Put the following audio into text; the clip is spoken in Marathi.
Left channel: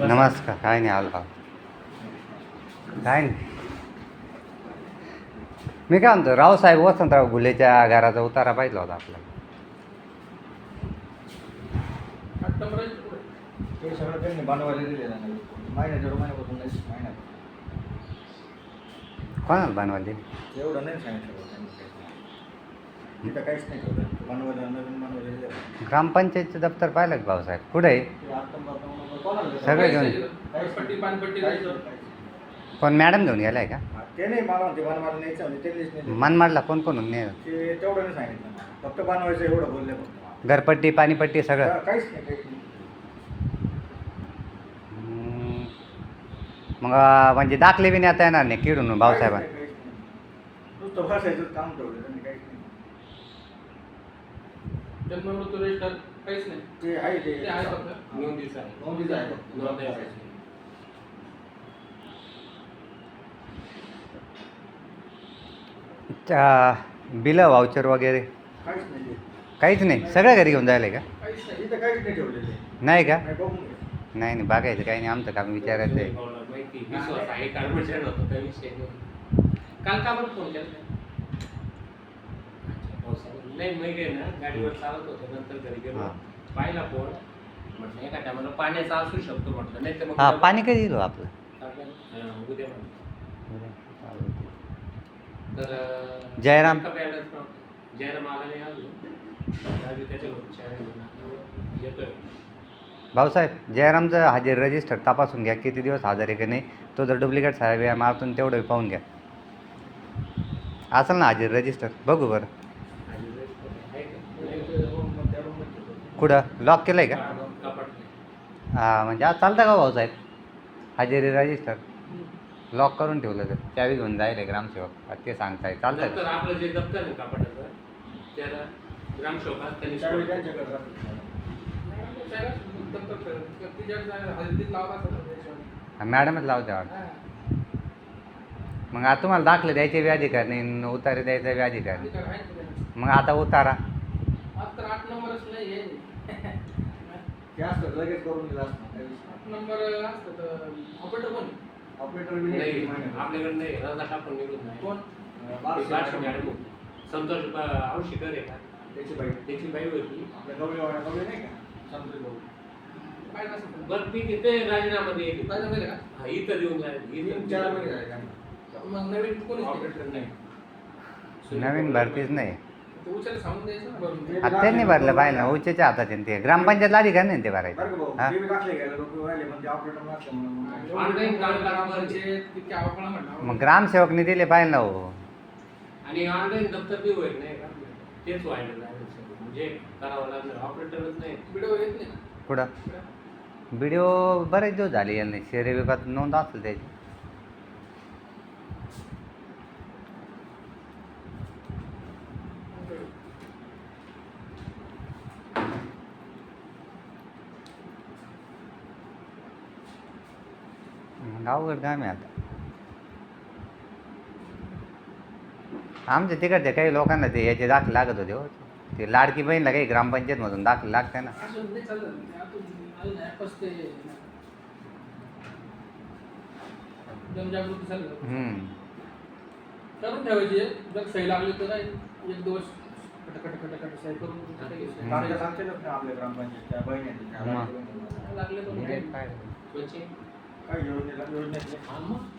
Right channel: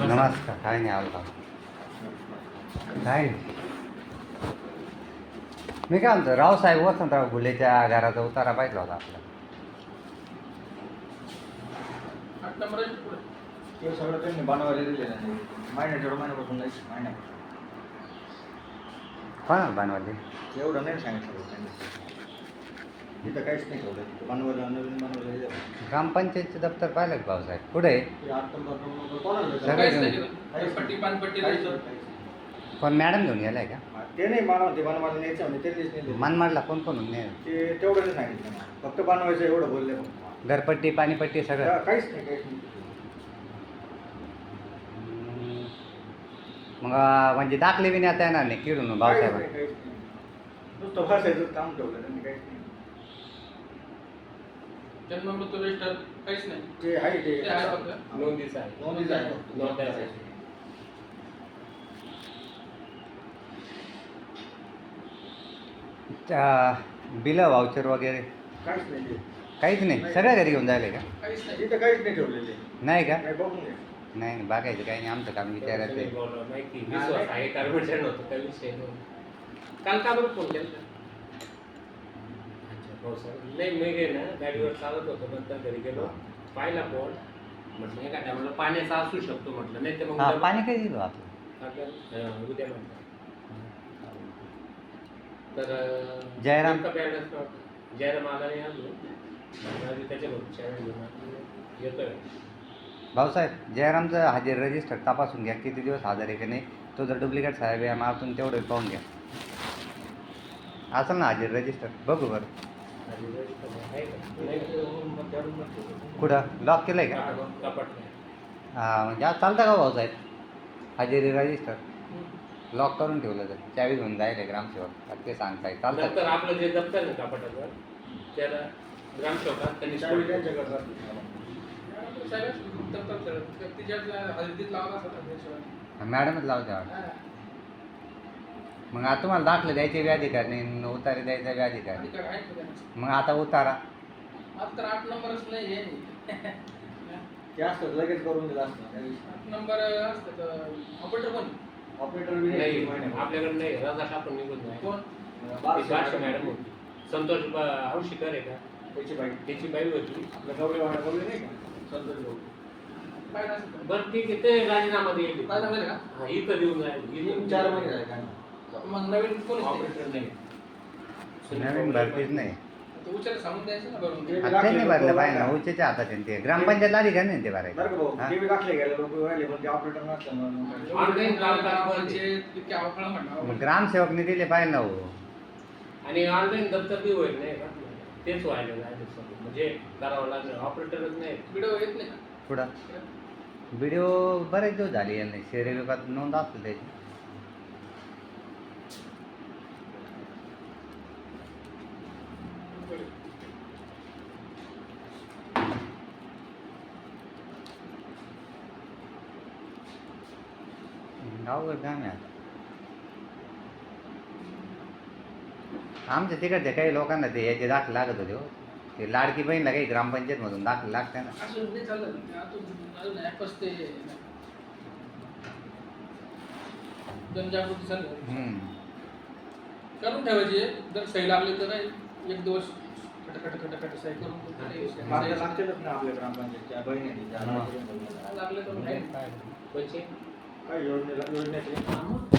नमस्कार काय नाही आलो काय नाही. मी काय म्हणतो रावसाहेब वसंतराव घुलेच्या घराचा उतारा पाहिजे होता आपला ते सगळं त्यांनी बनवायला दिलेलं आहे. महिन्या दीड महिन्यापासून नाही महिन्या कोणाला बनवायचे एवढं नाही सांगितलं इथं काहीच नाही ठेवलं बनवायला नवीन बनवायला दिलं ग्रामपंचायतचं दप्तर पाहिलं का भाऊसाहेब कुठे आहे ते आत्ता नंबर कोणाला दिलं? सगळं काहीच घेऊन नाही. पट्टी पानपट्टी काहीच नाही. नाही. कोण मॅडम घेऊन गेलाय का हा, ते नाही मला म्हणते बनवायला न्यायचं म्हणजे त्यांनीच नाही दिलं. मनमाडला कोण कोण ने ते तेवढं नाही सांगितलं मला. फक्त बनवायचं एवढं बोलले फक्त मला. घरपट्टी पाणीपट्टी सगळं का- काहीच नाही काहीच नाही हम्म. मग अं, म्हणजे दाखले बी नेता येणार नाही किरून काहीच भाऊसाहेब नाही, काहीच नाही. नुसतं बसायचं काम ठेवलं त्यांनी काहीच नाही जन्म मृत्यू रजिस्टर काहीच नाही. ते आहे ते. ते आहे फक्त. नोंदीचा आहे नोंदीचं आहे फक्त. नोंदायचं आहे. बिलं वाउचर वगैरे? काहीच नाही ते. काहीच नाही? सगळं घरी घेऊन जायला का? काहीच नाही. इथं काहीच नाही ठेवलेले. नाही का? नाही बघून घे नाही नाही बघायचं काही नाही. आमचं काम विचारायचं आहे बोलवा, माहिती विश्वास आहे कर्मचारी होतो काही विषय नाही. काल का बरं फोन केला? पावसाळ्यात. नाही मी गे ना गाडीवर चालत होतो नंतर घरी गेलो. हा. पाहिला फोन म्हटलं एखाद्या म्हटलं पाण्याचा असू शकतो म्हटलं नाही तर मग हा पाणी कधी दिलो आपलं? आपल्याला, हा, उद्या म्हटलं. तर जयराम. balance नव्हता. जयराम आला. नाही अजून राजू त्याच्या लोक येतोय. भाऊसाहेब जयरामचं हजेर रजिस्टर तपासून घ्या किती दिवस हजर आहे की नाही. तो जर डुप्लिकेट साहेब आहे मारतून तेवढं पाहून घ्या. असेल ना हजेर रजिस्टर बघू बरं. कुठं? लॉक केलं आहे का? हां म्हणजे आज चालतं का भाऊसाहेब हजेरी रजिस्टर लॉक करून ठेवलं तर. चावी घेऊन जाईल ग्रामसेवक. ते सांगताय. नंतर चालतं आपलं जे दप्तर आहे कपाटाचं त्याला ग्रामसेवकात त्यांनी मॅडमच लावते वाटतं. मग आता तुम्हाला दाखले द्यायचे बी अधिकार नाही न उतारे द्यायचा बी अधिकार नाही? मग आता उतारा. आठ नंबरच नाही आहे ते असतं लगेच करून दिलं असतं आठ नंबर असतं तर ऑपरेटर कोण ऑपरेटर बी नाही नाही आपल्याकडे नाही रजा टाकून निघून नाही. कोण? ती बारशे बारशे मॅडम होती. संतोष औशिकर आहे का? त्याची बाई. त्याची बाई होती. आपल्या गवळी वाडा गवळी नाही का? संतोष भाऊ. काय नसतं बरं ठीक आहे ते राजीनामा दिला का? हा इथं देऊन जाईल तीन चार महिने झाले त्यांना. मग नवीन कोण ऑपरेटर नाही. नवीन भरतीच नाही. ते उचल सांगून द्यायचं ना भरून. ते- आता त्यांनी भरलं पाहिजे ना उच्चच्या हातात आहे ते ग्रामपंचायतला अधिकार नाही ते बरं का भरायचं भाऊ हा? ते बी दाखले गेले लोक राहिले पण ते ऑपरेटर नसल्यामुळे मग म्हणणार ग्रामसेवकने दिले पाहिजे ना हो. आणि ऑनलाईन दप्तर बी होईल नाही का? तेच व्हायला लागलं सगळं. म्हणजे करावं लागलं. ऑपरेटरच नाही. व्हिडिओ येत नाही का? पुढं. व्हिडिओ बरेच दिवस झाले यांनी. शहरी विभागात नोंद असेल त्याची. अवघड काम आहे आता. आमच्या तिकडच्या काही लोकांना ते याचे दाखले लागत होते हो. ते लाडकी बहीणला काही ग्रामपंचायतमधून दाखले लागते ना. जनजागृती. करून ठेवायची. जर सही लागली तर नाही. एक दिवस सही करून लागतेच ना आपल्या ग्रामपंचायतच्या बहिणी त्या. लागले. लागले तर म्हणजे मग काय? कोणचे काय योजनेला योजनेतले